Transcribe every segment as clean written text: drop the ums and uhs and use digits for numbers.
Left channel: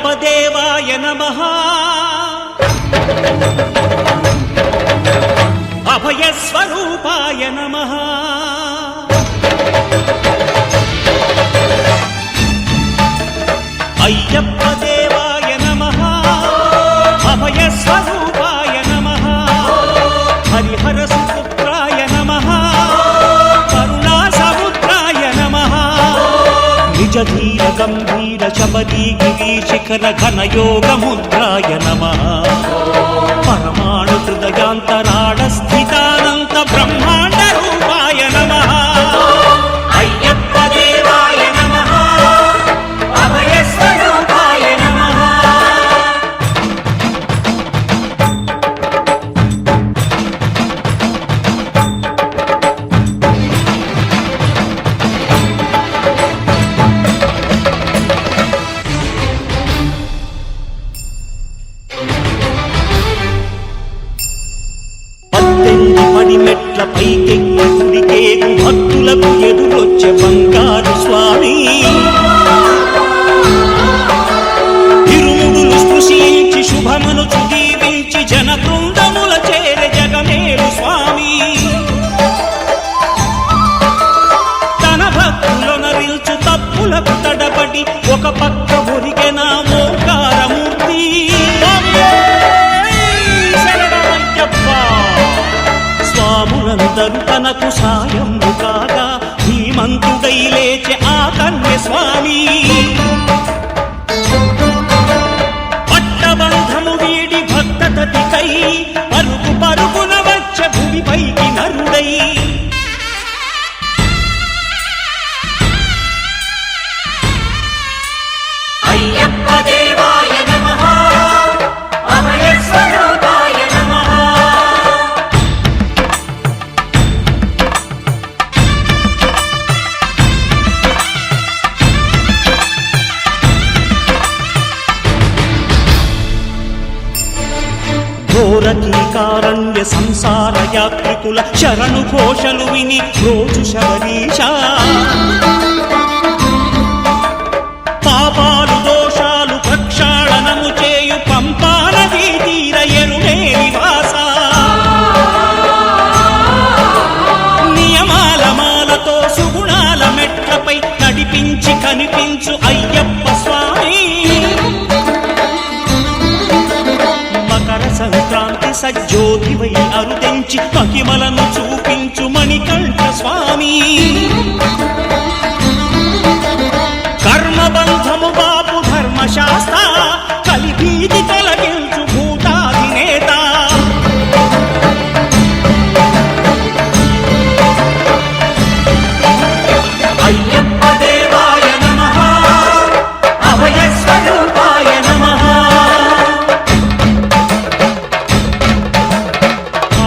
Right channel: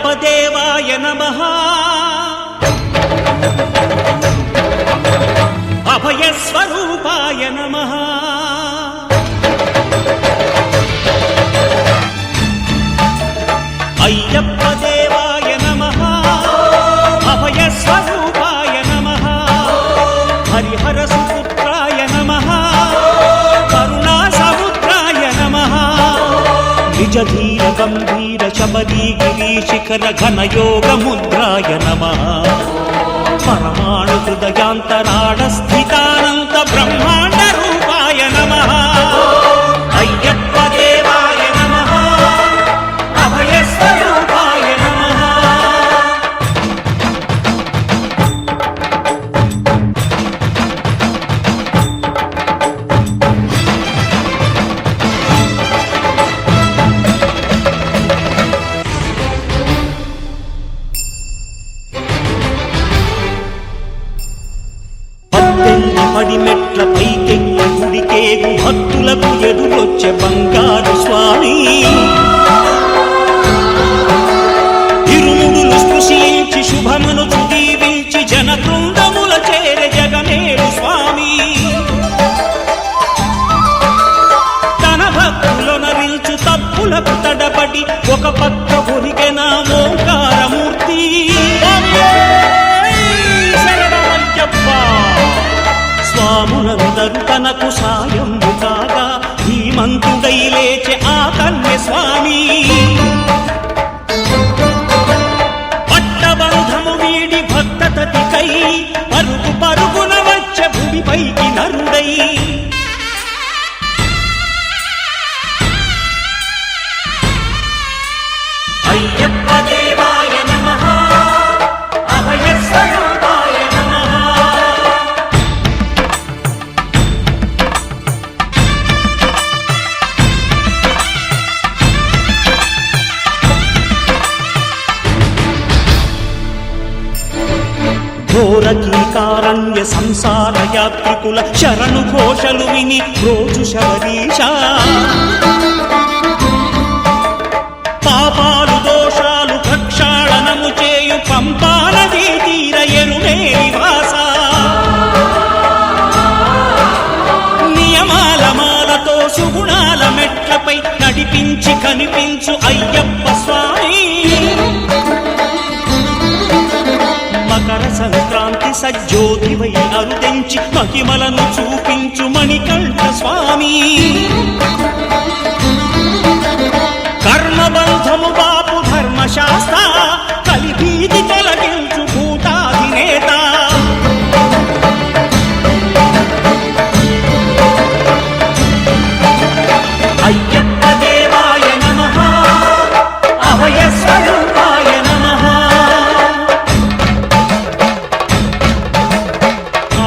అయ్యప్ప దేవాయ నమః అభయ స్వరూపాయ నమః అయ్యప్ప దేవాయ నమః అభయ స్వరూపాయ నమః హరిహర సుపుత్రాయ నమః కరుణా సముద్రాయ నమః నిజ ధీర గంభీర శబరీ గిరి శిఖర ఘన యోగ ముద్రాయ నమః పరమాణు హృదయాంతరాళ స్థితానంత బ్రహ్మాండ రూపాయ నమః అయ్యప్ప దేవాయ నమః అభయ స్వరూపాయ నమః పడి మెట్ల పైకెక్కి గుడికేగు భక్తులకు ఎదురొచ్చే బంగారు స్వామి ఇరుముడులు స్పృశించి శుభమును చుదీవించి జన బృందముల చేరే జగమేలు స్వామి తన భక్తులొనరిల్చు తప్పులకు తడబడి ఒక పక్క ఒరిగెన ఓంకారమూర్తి స్వాములందరూ తనకు సాయము కాగా ధీమంతుడై లేచె ఆ కన్య స్వామి పట్టబంధము వీడి భక్తతతికై పరుగు పరుగున వచ్చే భూమిపైకి నరుడై అయ్యప్ప దేవాయ నమః అభయ స్వరూపాయ నమః ఘోరకీకారణ్య సంసార యాత్రికుల శరణు ఘోషలు విని రోజు శబరీశ పాపాలు దోషాలు ప్రక్షాళనము చేయు పంపానదీ తీర ఎరుడే నివాస నియమాల మాలతో సుగుణాల మెట్లపై నడిపించి కనిపించు అయ్యప్ప స్వామి మకర సంక్రాంతి సజ్జోతివై అరుదెంచి మహిమలను చూపించు మణికంఠ స్వామి కర్మబంధము బాపు ధర్మశాస్త్ర కలిభీతి తొలగించు భూతాధినేత అయ్యప్ప దేవాయ నమః అభయ స్వరూపాయ నమః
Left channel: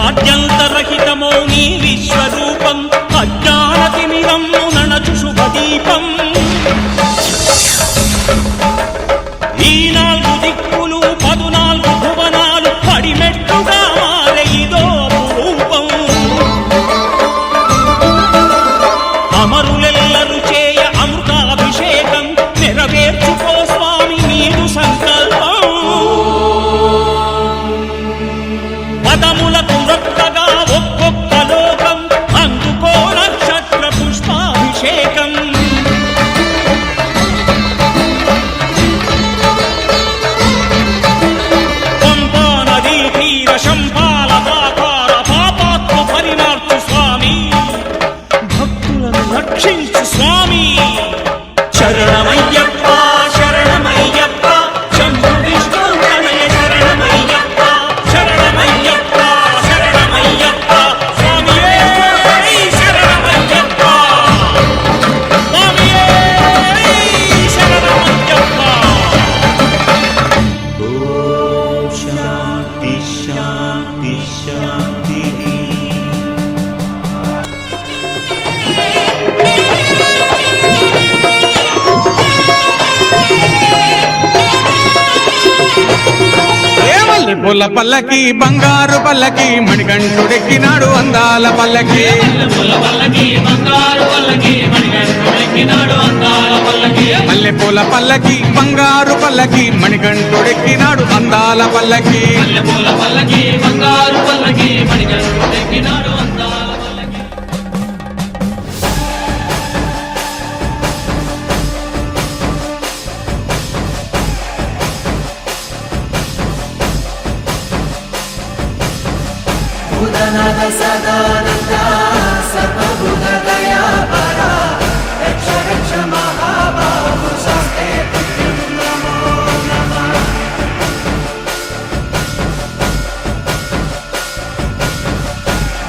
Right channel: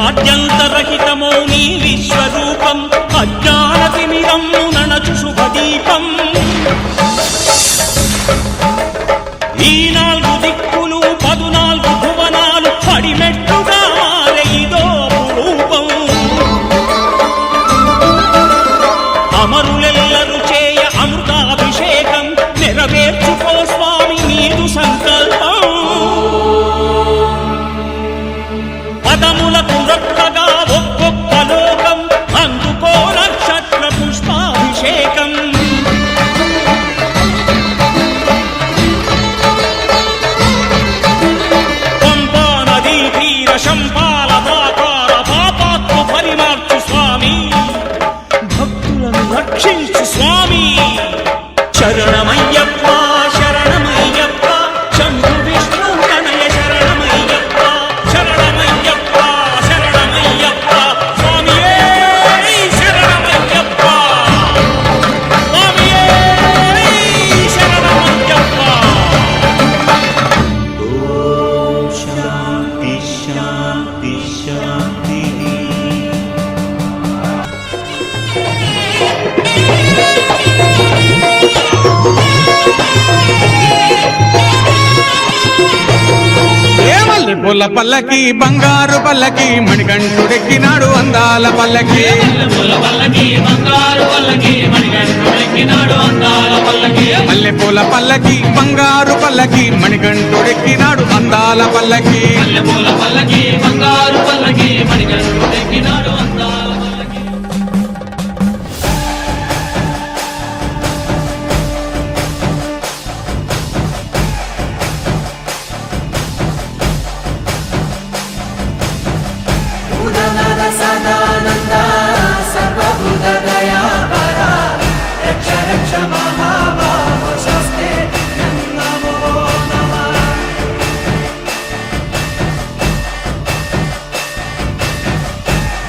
ఆద్యంతరహితమో నీ విశ్వరూపం అజ్ఞానతిమిరము నణచు శుభదీపం ఈ 4 దిక్కులు 14 భువనాలు పడిమెట్టుగా మారే ఇదో రూపం అమరులెల్లరు చేయ అమృతాభిషేకం నెరవేర్చుకో స్వామి నీదు సంకల్పం పదములకు రొక్కగా ఒక్కొక్క లోకం అందుకో నక్షత్ర పుష్పాభిషేకం పూల పల్లకి బంగారు పల్లకి మణికంఠుడెక్కినాడు అందాల పల్లకి మల్లె పూల పల్లకి బంగారు పల్లకి మణికంఠుడెక్కినాడు అందాల పల్లకి సదానంద సర్వభూత దయాపరా రక్ష రక్ష మహాబాహో శాస్త్రే నమో నమః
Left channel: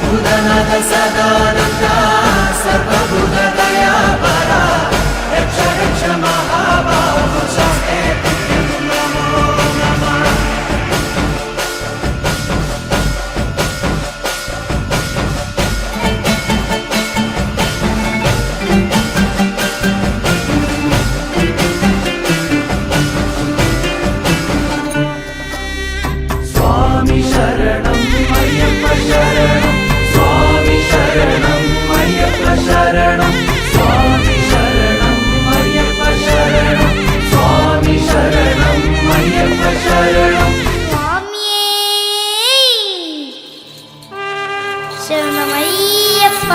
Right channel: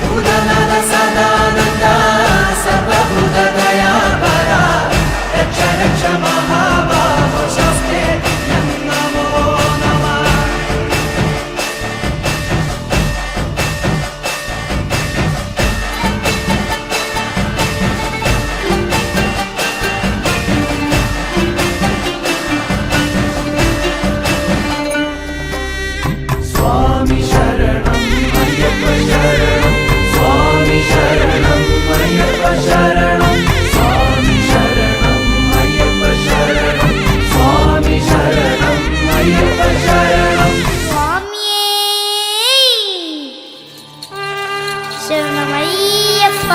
భూతనాథ సదానంద సర్వభూత దయాపరా రక్ష రక్ష మహాబాహో శాస్త్రే నమో నమః స్వామి శరణం అయ్యప్ప శరణం స్వామి శరణం అయ్యప్ప శరణం స్వామి శరణం అయ్యప్ప శరణం స్వామి శరణం అయ్యప్ప శరణం స్వామియే శరణమయ్యప్ప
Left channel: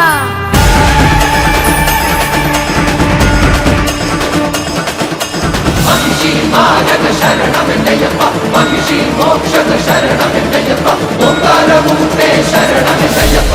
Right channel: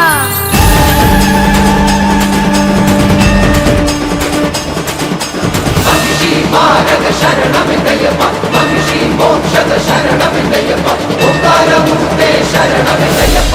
మారగ శరణమెన్నయ్యప్ప మనిషి మోక్షద శరణమెన్నయ్యప్ప ఉత్తరముందే శరణమెన్నయ్యప్ప